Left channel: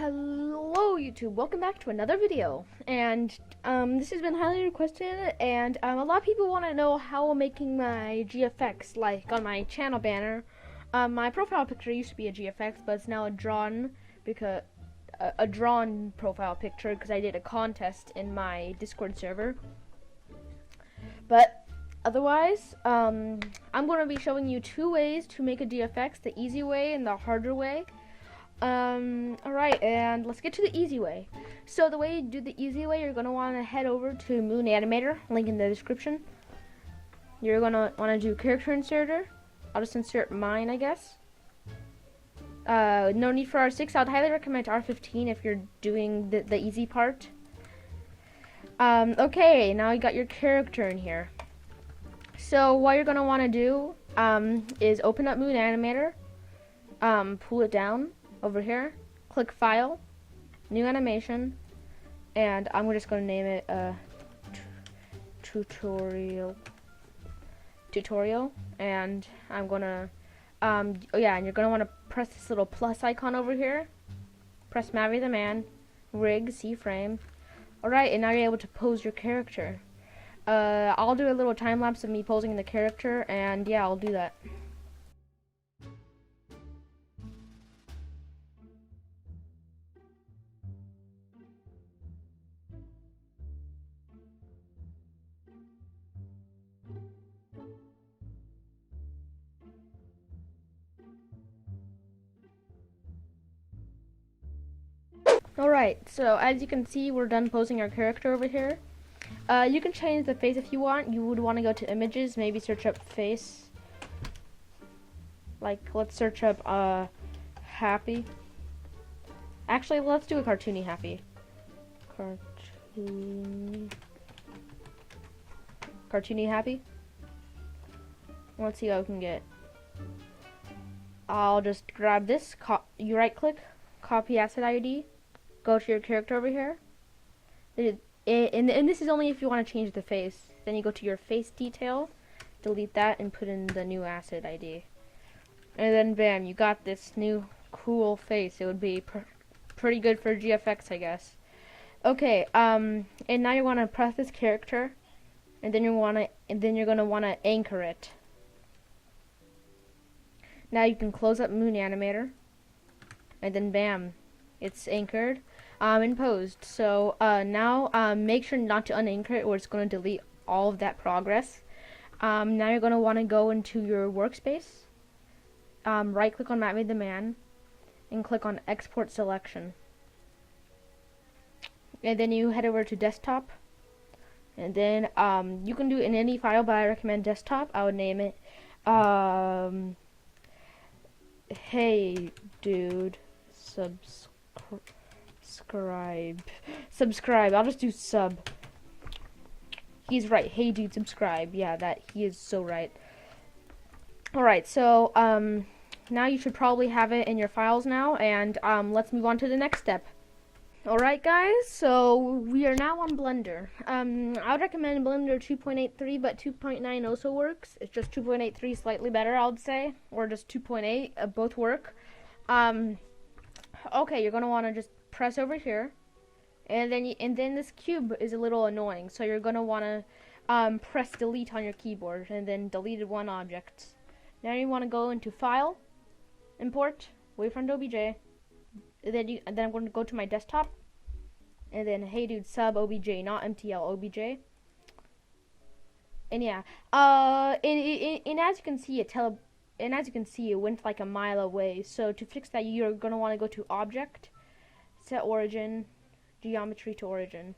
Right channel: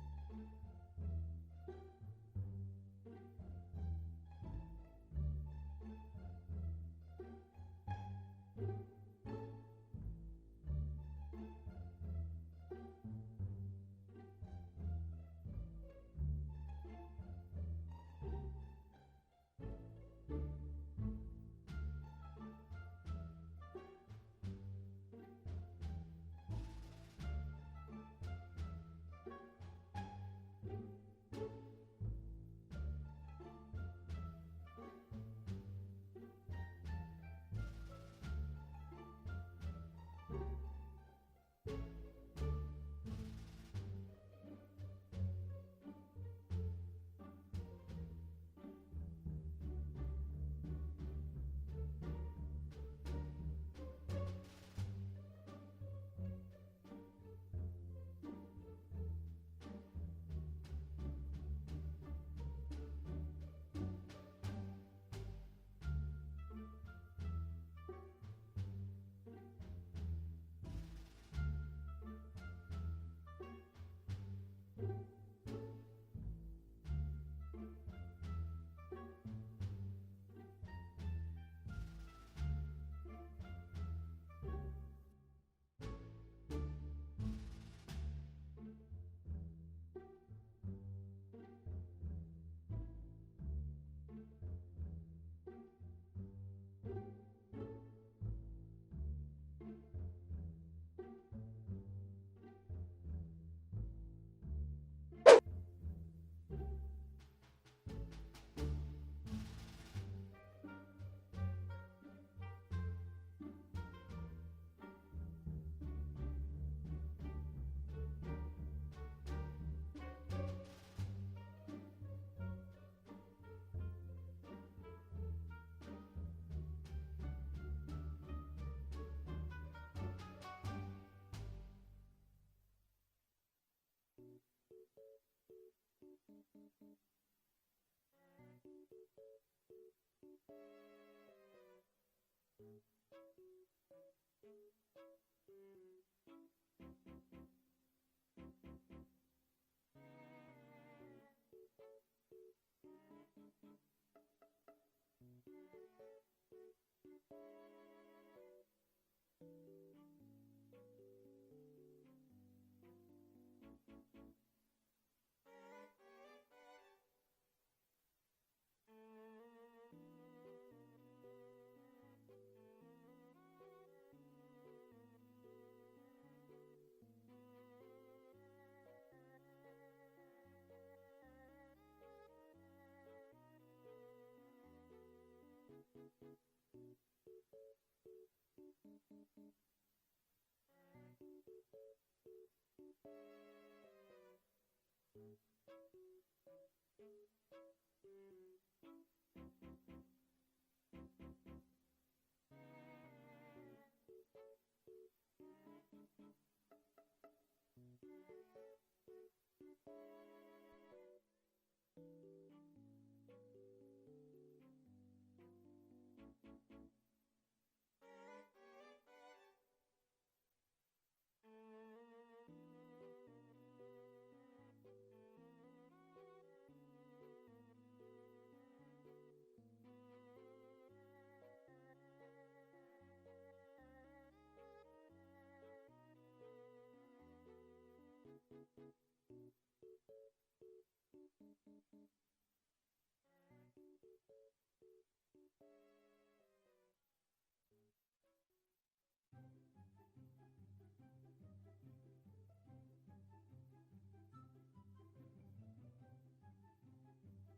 Hello YouTube, welcome back to another video, and this has been highly requested, and a lot of people want to know how I'm making my GFX, like on my channel banner. My profile picture used to be a GFX, but it's now a drawn profile picture because I did a contest in my Discord server. But otherwise, I'm going to be showing you two ways to make a GFX, the easy way and the harder way. Alright, and let's get to the easy way. So the way you do the easy way, you're going to want to head over to Moon Animator, link in the description. You're going to want to do character inserter. I'll just insert mine, I guess. No need for R6. I would highly recommend R15 if you're doing the easy part. Okay, now you got your character in here. So what you're going to want to do is open up Moon Animator, pull it down over here, click File, New Animation, and I'm just going to name it tutorial, and I'm going to, oh yeah, and you're going to want to press this little plus icon over here, press Marry the Man, Rig, C frame. Alright, and now you're able to pose your character. I'll do a little time lapse of me posing the character, and yeah, I'll do that. Alright, so as you can see, we're done posing our character over here. You can change the face if you want. You would want to go to images, maybe search up face. Like, let's search up happy. Actually, let's do a cartoony happy. Cartoony happy. Let's see what we can get. I'll just grab this, you right click, copy asset ID. Go to your character over here, and this is only if you want to change the face. Then you go to your face detail, delete that, and put in the new asset ID. And then bam, you got this new cool face. It would be pretty good for GFX, I guess. Okay, and now you want to press this character, and then you're gonna want to anchor it. Now you can close up Moon Animator, and then bam, it's anchored and posed. So now make sure not to unanchor it, or it's going to delete all of that progress. Now you're going to want to go into your workspace, right click on MatPlayz's Man, and click on Export Selection. And then you head over to Desktop, and then you can do it in any file, but I recommend Desktop. I would name it Hey Dude subscribe. I'll just do sub. He's right. Hey dude, subscribe. Yeah, he is so right. Alright, so now you should probably have it in your files now, and let's move on to the next step. Alright guys, so we are now on Blender. I would recommend Blender 2.83, but 2.9 also works. It's just 2.83 slightly better, I would say, or just 2.8, both work. Okay, you're gonna want to just press over here, and then this cube is a little annoying, so you're gonna want to press delete on your keyboard, and then deleted one object. Now you want to go into File, Import, Wavefront OBJ, and then I'm going to go to my desktop, and then Hey Dude sub OBJ, not MTL OBJ. And yeah, and as you can see, it went like a mile away. So to fix that, you're gonna want to go to Object, Set Origin, Geometry to Origin.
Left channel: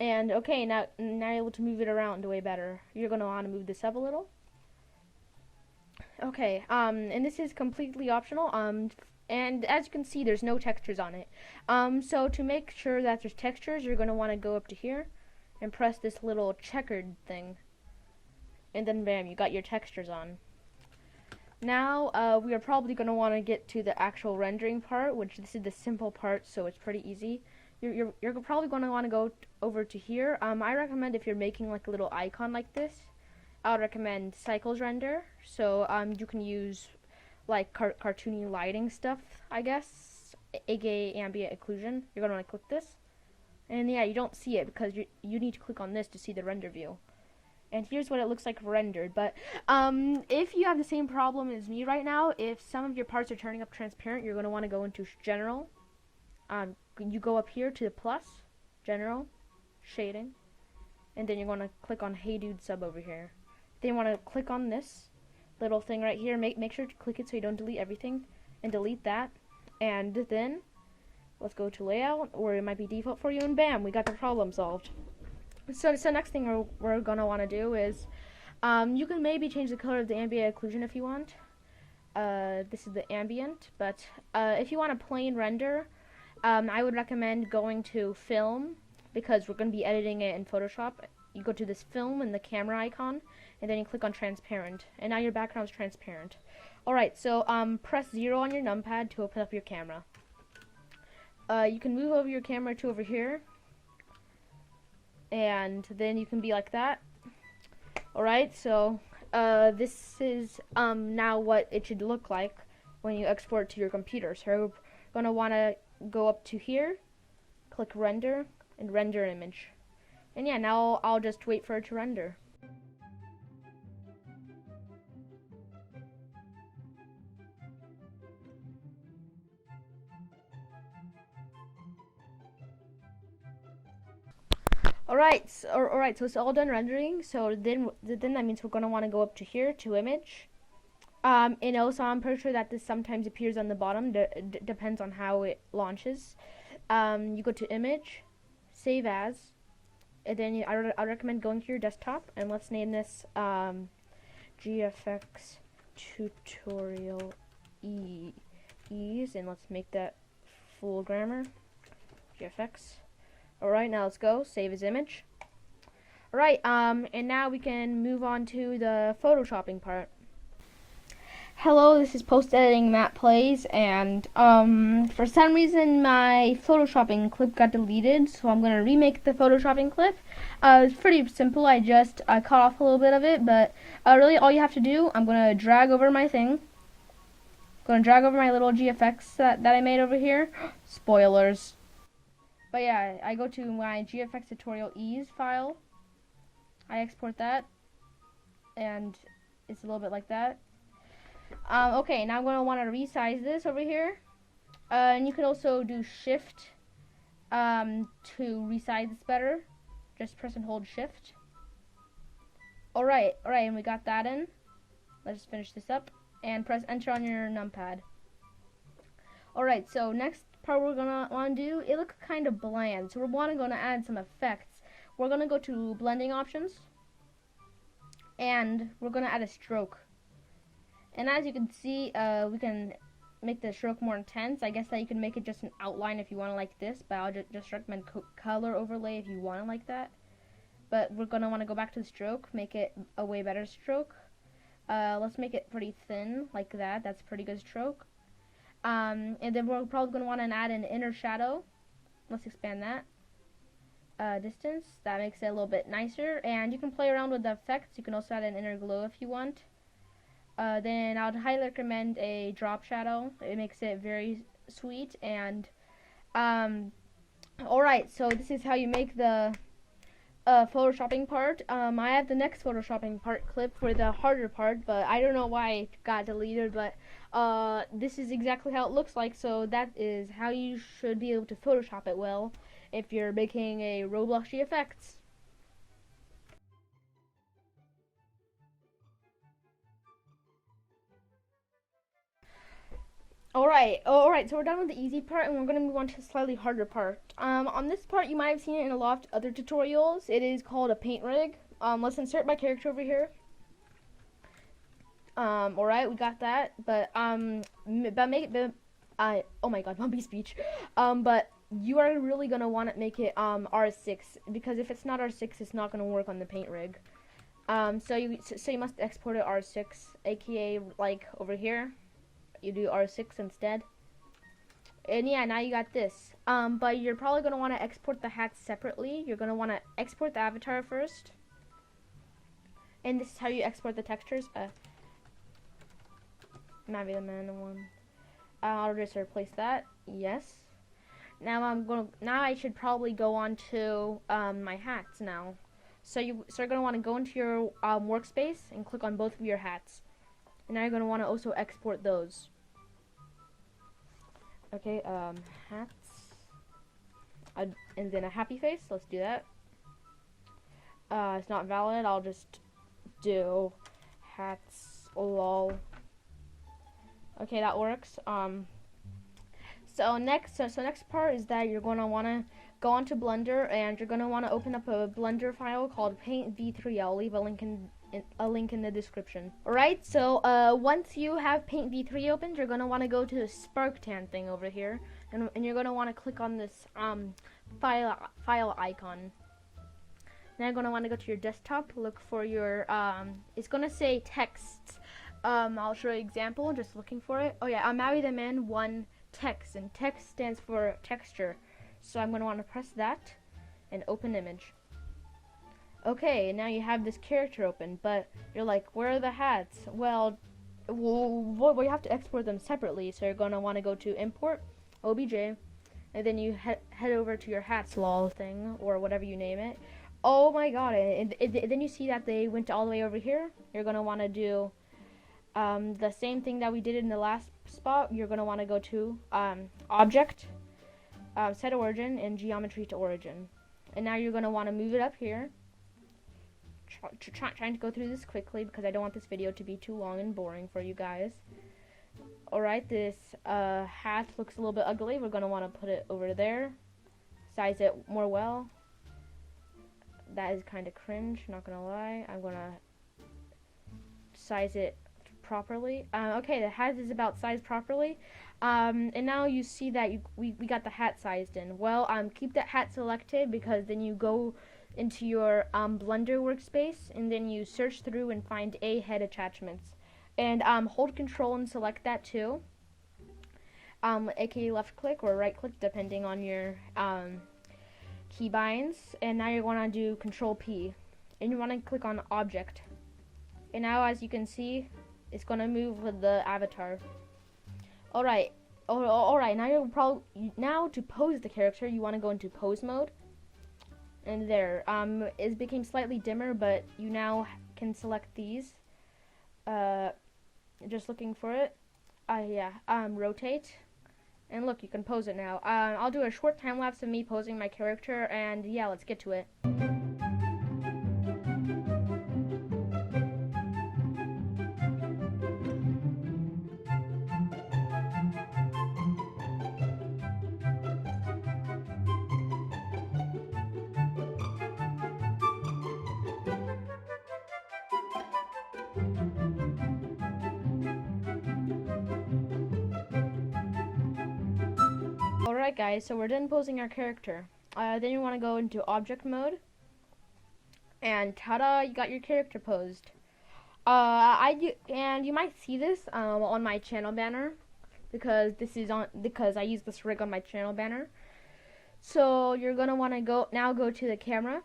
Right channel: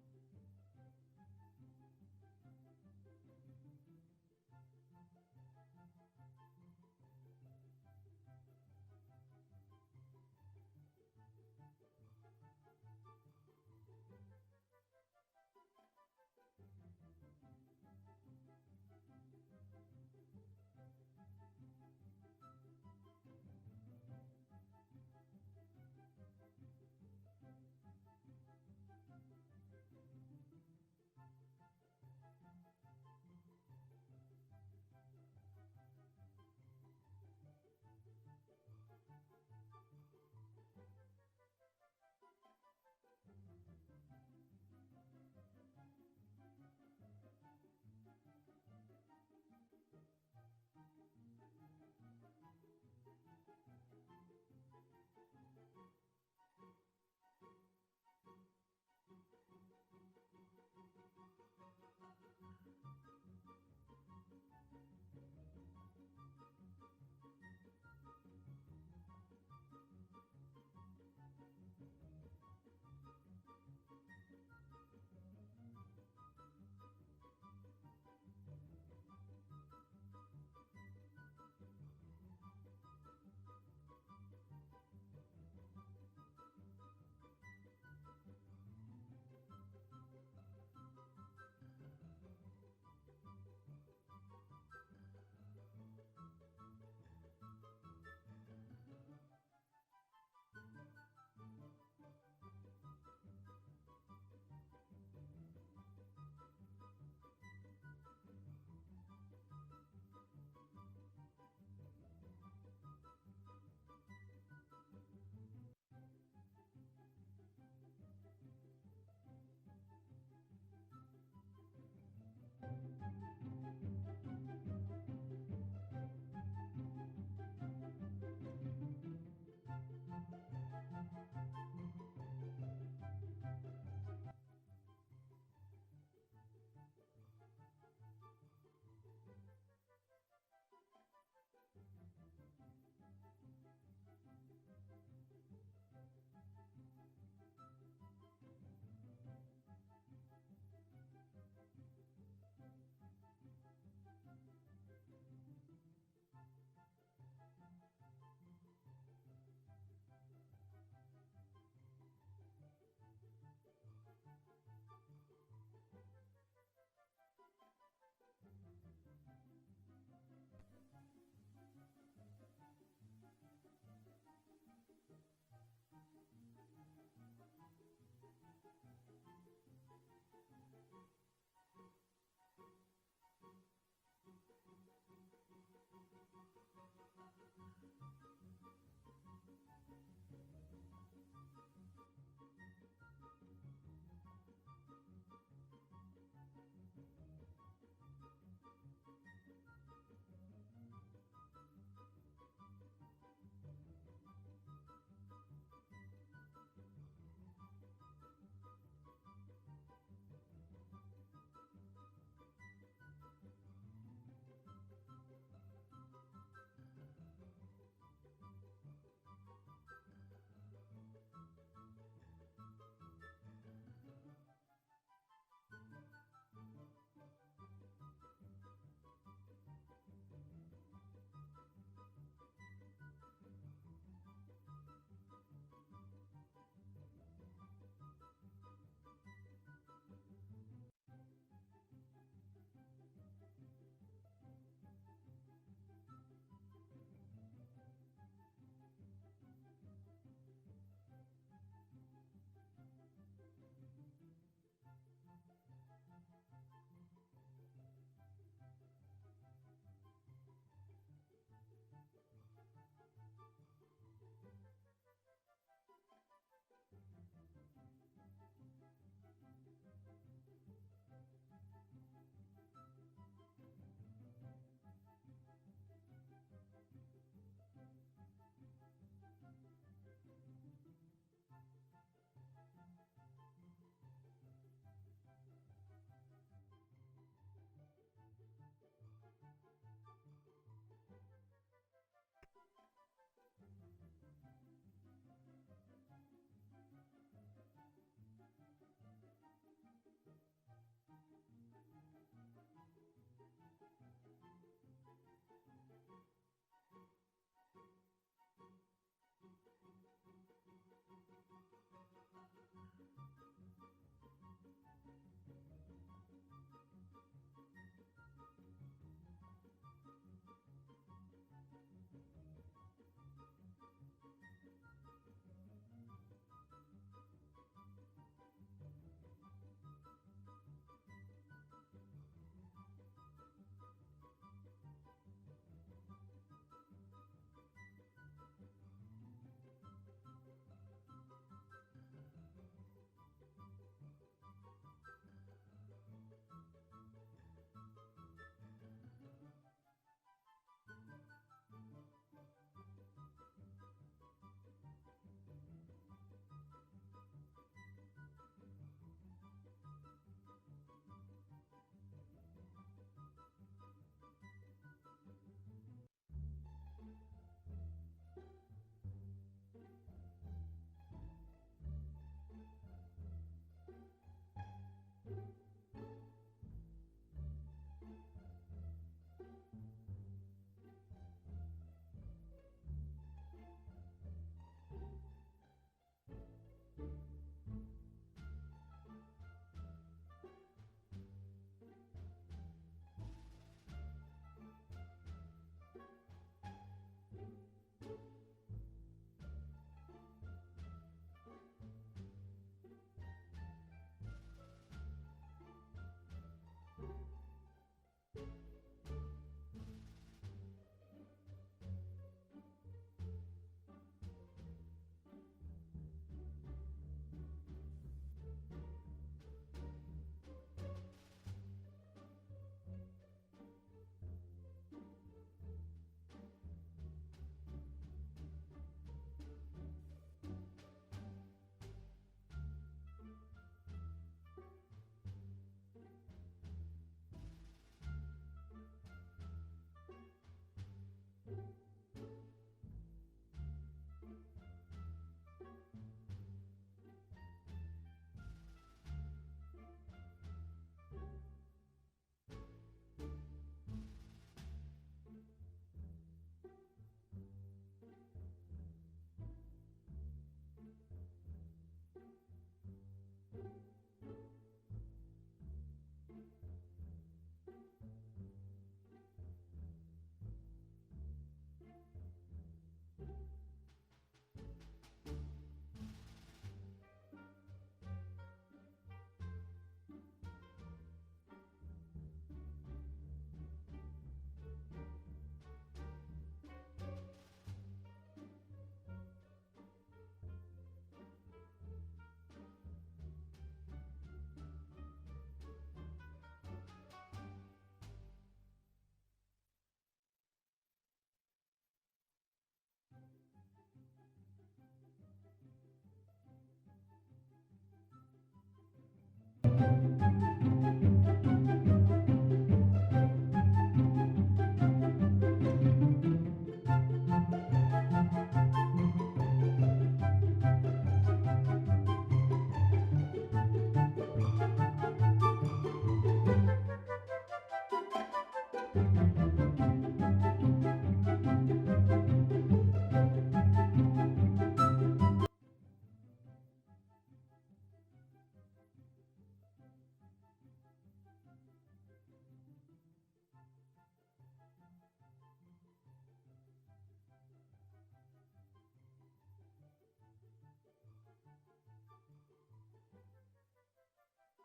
And okay, now you're able to move it around way better. You're gonna want to move this up a little. Okay, and this is completely optional. And as you can see, there's no textures on it. So to make sure that there's textures, you're gonna want to go up to here and press this little checkered thing, and then bam, you got your textures on. Now, we are probably going to want to get to the actual rendering part, which this is the simple part, so it's pretty easy. You're probably going to want to go over to here. I recommend if you're making like a little icon like this, I would recommend Cycles Render. So you can use like cartoony lighting stuff, I guess. aka ambient occlusion. You're gonna want to click this, and yeah, you don't see it because you need to click on this to see the render view. And here's what it looks like rendered. But if you have the same problem as me right now, if some of your parts are turning up transparent, you're gonna want to go into general. You go up here to the plus, general, shading, and then you're gonna click on Hey Dude Sub over here. Then you want to click on this little thing right here. Make sure to click it so you don't delete everything, and delete that. And then let's go to layout, or it might be default for you, and bam, we got the problem solved. So next thing we're gonna want to do is you can maybe change the color of the ambient occlusion if you want. This is the ambient, but if you want a plain render, I would recommend going to film, because we're going to be editing it in Photoshop. You go to this film and the camera icon, and then you click on transparent, and now your background is transparent. Alright, so press 0 on your numpad to open up your camera. You can move over your camera to over here, and then you can be like that. Alright, so this is now what it should look like when you export to your computer. So you're going to want to go up to here, click render, and render image. And yeah, now I'll just wait for it to render. Alright, so it's all done rendering. So then that means we're going to want to go up to here to image. And also I'm pretty sure that this sometimes appears on the bottom, depends on how it launches. You go to image, save as, and then I recommend going to your desktop, and let's name this GFX tutorial ease, and let's make that full grammar, GFX. Alright, now let's go, save as image. Alright, and now we can move on to the photoshopping part. Hello, this is post-editing MatPlayz's, and for some reason my photoshopping clip got deleted, so I'm going to remake the photoshopping clip. It's pretty simple. I just cut off a little bit of it, but really all you have to do, I'm going to drag over my thing. I'm going to drag over my little GFX that I made over here. Spoilers. But yeah, I go to my GFX tutorial ease file. I export that, and it's a little bit like that. Okay, now I'm going to want to resize this over here. And you can also do shift to resize this better. Just press and hold shift. Alright, and we got that in. Let's finish this up. And press enter on your numpad. Alright, so next part we're going to want to do, it looks kind of bland. So we're going to add some effects. We're going to go to blending options. And we're going to add a stroke. And as you can see, we can make the stroke more intense. I guess that you can make it just an outline if you want to like this, but I'll just recommend color overlay if you want to like that. But we're going to want to go back to the stroke, make it a way better stroke. Let's make it pretty thin, like that. That's a pretty good stroke. And then we're probably going to want to add an inner shadow. Let's expand that. Distance, that makes it a little bit nicer. And you can play around with the effects. You can also add an inner glow if you want. Then I would highly recommend a drop shadow. It makes it very sweet. And alright, so this is how you make the photoshopping part. I have the next photoshopping part clip for the harder part, but I don't know why it got deleted, but this is exactly how it looks like. So that is how you should be able to Photoshop it well if you're making a Roblox GFX. Alright, so we're done with the easy part, and we're going to move on to the slightly harder part. On this part, you might have seen it in a lot of other tutorials. It is called a paint rig. Let's insert my character over here. Alright, we got that, but oh my god, bumpy speech. But you are really going to want to make it, R6, because if it's not R6, it's not going to work on the paint rig. So you must export it R6, aka, like, over here. You do R6 instead. And yeah, now you got this. But you're probably going to want to export the hats separately. You're going to want to export the avatar first. And this is how you export the textures. Might be the man one. I'll just replace that. Yes. Now I should probably go on to my hats now. So you're gonna want to go into your workspace and click on both of your hats. And now you're gonna want to also export those. Okay, hats. And then a happy face. Let's do that. It's not valid. I'll just do hats lol. Okay, that works. So next part is that you're gonna wanna go onto Blender and you're gonna wanna open up a Blender file called Paint V3. I'll leave a link in the description. Alright, so once you have Paint V3 opened, you're gonna wanna go to the Sparktan thing over here, and you're gonna wanna click on this file icon. Now you're gonna wanna go to your desktop, look for your it's gonna say text. I'll show you an example. Just looking for it. Oh yeah, I'm Maui the Man 1 text, and text stands for texture. So I'm gonna want to press that and open image. Okay, now you have this character open, but you're like, where are the hats? Well, we have to export them separately. So you're gonna want to go to import obj, and then you head over to your hats lol thing or whatever you name it. Oh my god! And then you see that they went all the way over here. You're gonna want to do the same thing that we did in the last spot. You're going to want to go to object, set origin, and geometry to origin. And now you're going to want to move it up here. Trying to go through this quickly because I don't want this video to be too long and boring for you guys. Alright, this hat looks a little bit ugly. We're going to want to put it over there. Size it more well. That is kind of cringe, not going to lie. I'm going to size it properly. Okay, the hat is about sized properly. And now you see that we got the hat sized in. Well, keep that hat selected because then you go into your Blender workspace and then you search through and find a head attachments. And hold Control and select that too. aka left click or right click depending on your keybinds. And now you want to do Control P and you want to click on Object. And now as you can see, it's gonna move with the avatar. Alright. Alright, now to pose the character, you wanna go into pose mode. And there. It became slightly dimmer, but you now can select these. Just looking for it. Rotate. And look, you can pose it now. I'll do a short time lapse of me posing my character, and yeah, let's get to it. Alright guys, so we're done posing our character. Then you want to go into object mode. And ta-da, you got your character posed. And you might see this on my channel banner because I use this rig on my channel banner. So you're gonna want to go to the camera.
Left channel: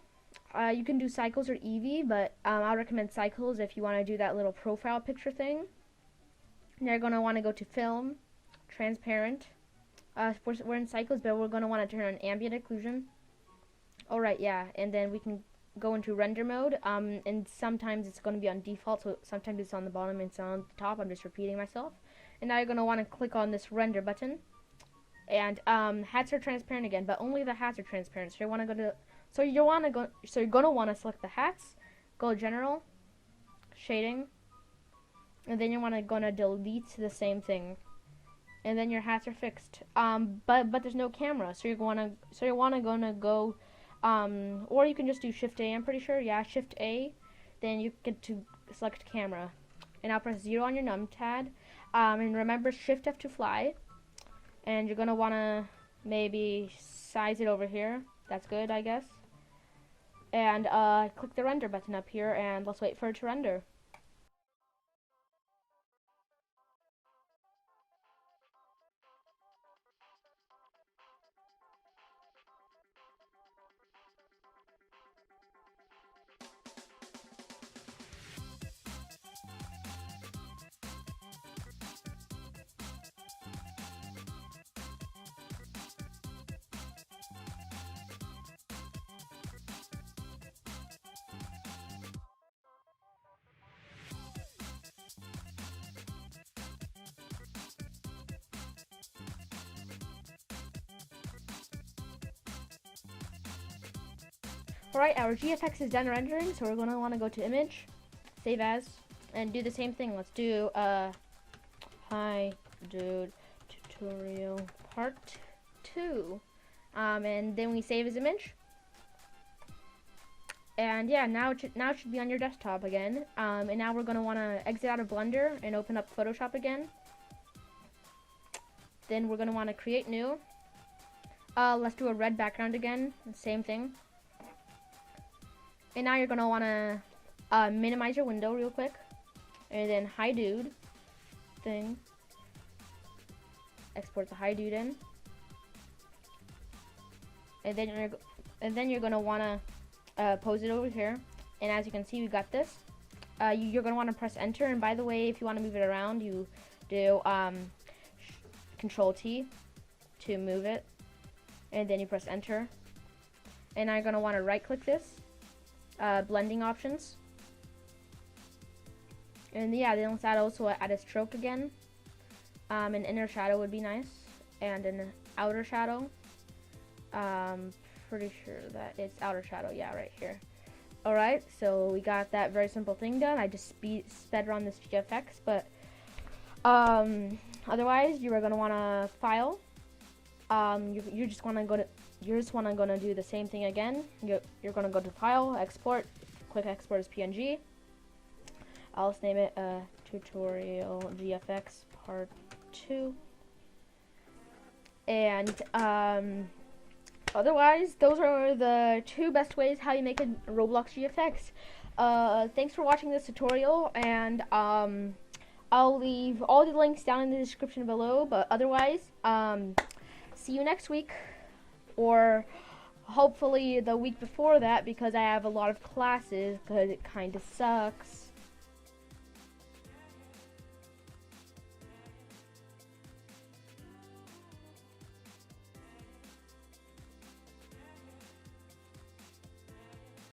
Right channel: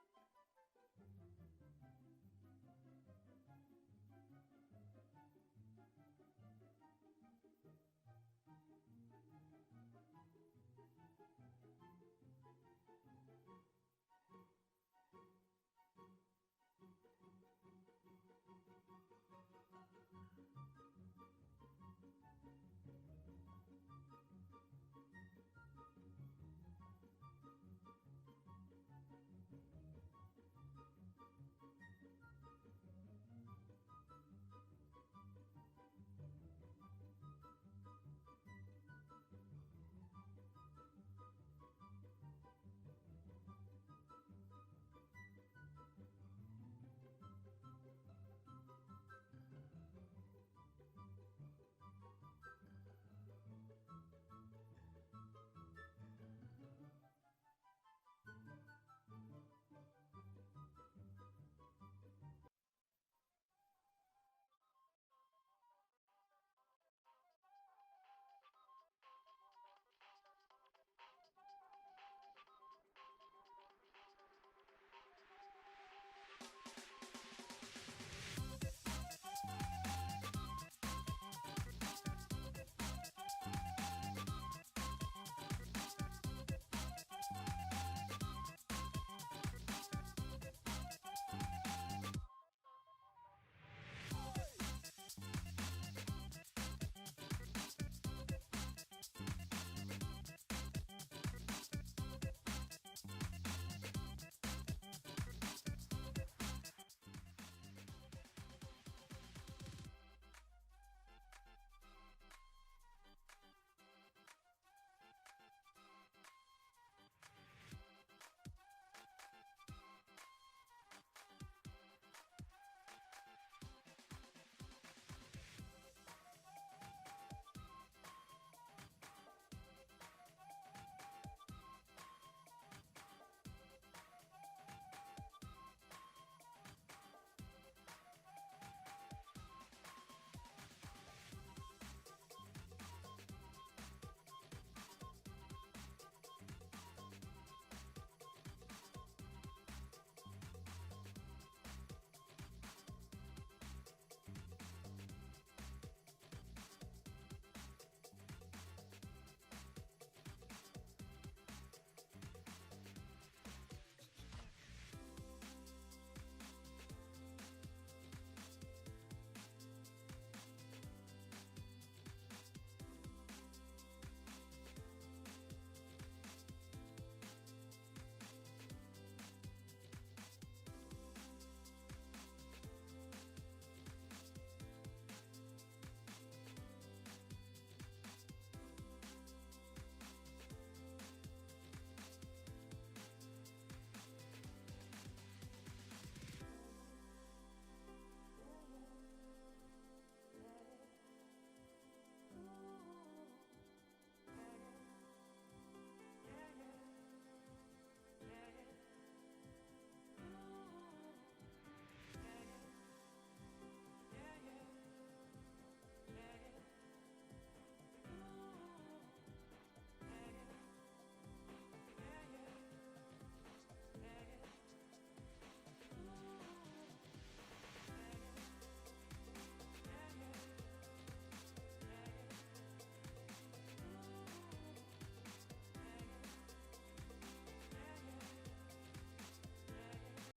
You can do cycles or Eevee, but I recommend cycles if you want to do that little profile picture thing. Now you're gonna want to go to film, transparent. We're in cycles, but we're gonna want to turn on ambient occlusion. Alright, yeah, and then we can go into render mode, and sometimes it's going to be on default, so sometimes it's on the bottom and it's on the top. I'm just repeating myself. And now you're going to want to click on this render button, and hats are transparent again, but only the hats are transparent. So you want to go to, you're going to want to select the hats, go general, shading, and then you want to delete the same thing, and then your hats are fixed. But there's no camera, so you're gonna go. Or you can just do Shift A, I'm pretty sure. Yeah, Shift A. Then you get to select camera. And now press 0 on your numpad. And remember Shift F to fly. And you're going to want to maybe size it over here. That's good, I guess. And click the render button up here. And let's wait for it to render. Alright, our GFX is done rendering, so we're going to want to go to image, save as, and do the same thing. Let's do hi dude tutorial part 2. And then we save as image. And yeah, now it should be on your desktop again. And now we're going to want to exit out of Blender and open up Photoshop again. Then we're going to want to create new. Let's do a red background again, same thing. And now you're going to want to minimize your window real quick. And then hi dude thing. Export the hi dude in. And then you're going to want to pose it over here. And as you can see, we got this. You're going to want to press enter. And by the way, if you want to move it around, you do Control T to move it. And then you press enter. And now you're going to want to right click this. Blending options. And yeah, then let's also add a stroke again. An inner shadow would be nice. And an outer shadow. Pretty sure that it's outer shadow, yeah, right here. Alright, so we got that very simple thing done. I just sped around this GFX, but otherwise you are gonna wanna file. You just wanna go to do the same thing again. You're gonna go to file, export, click export as PNG. I'll just name it tutorial GFX part 2. And otherwise, those are the 2 best ways how you make a Roblox GFX. Thanks for watching this tutorial, and I'll leave all the links down in the description below. But otherwise, see you next week, or hopefully the week before that, because I have a lot of classes, because it kind of sucks.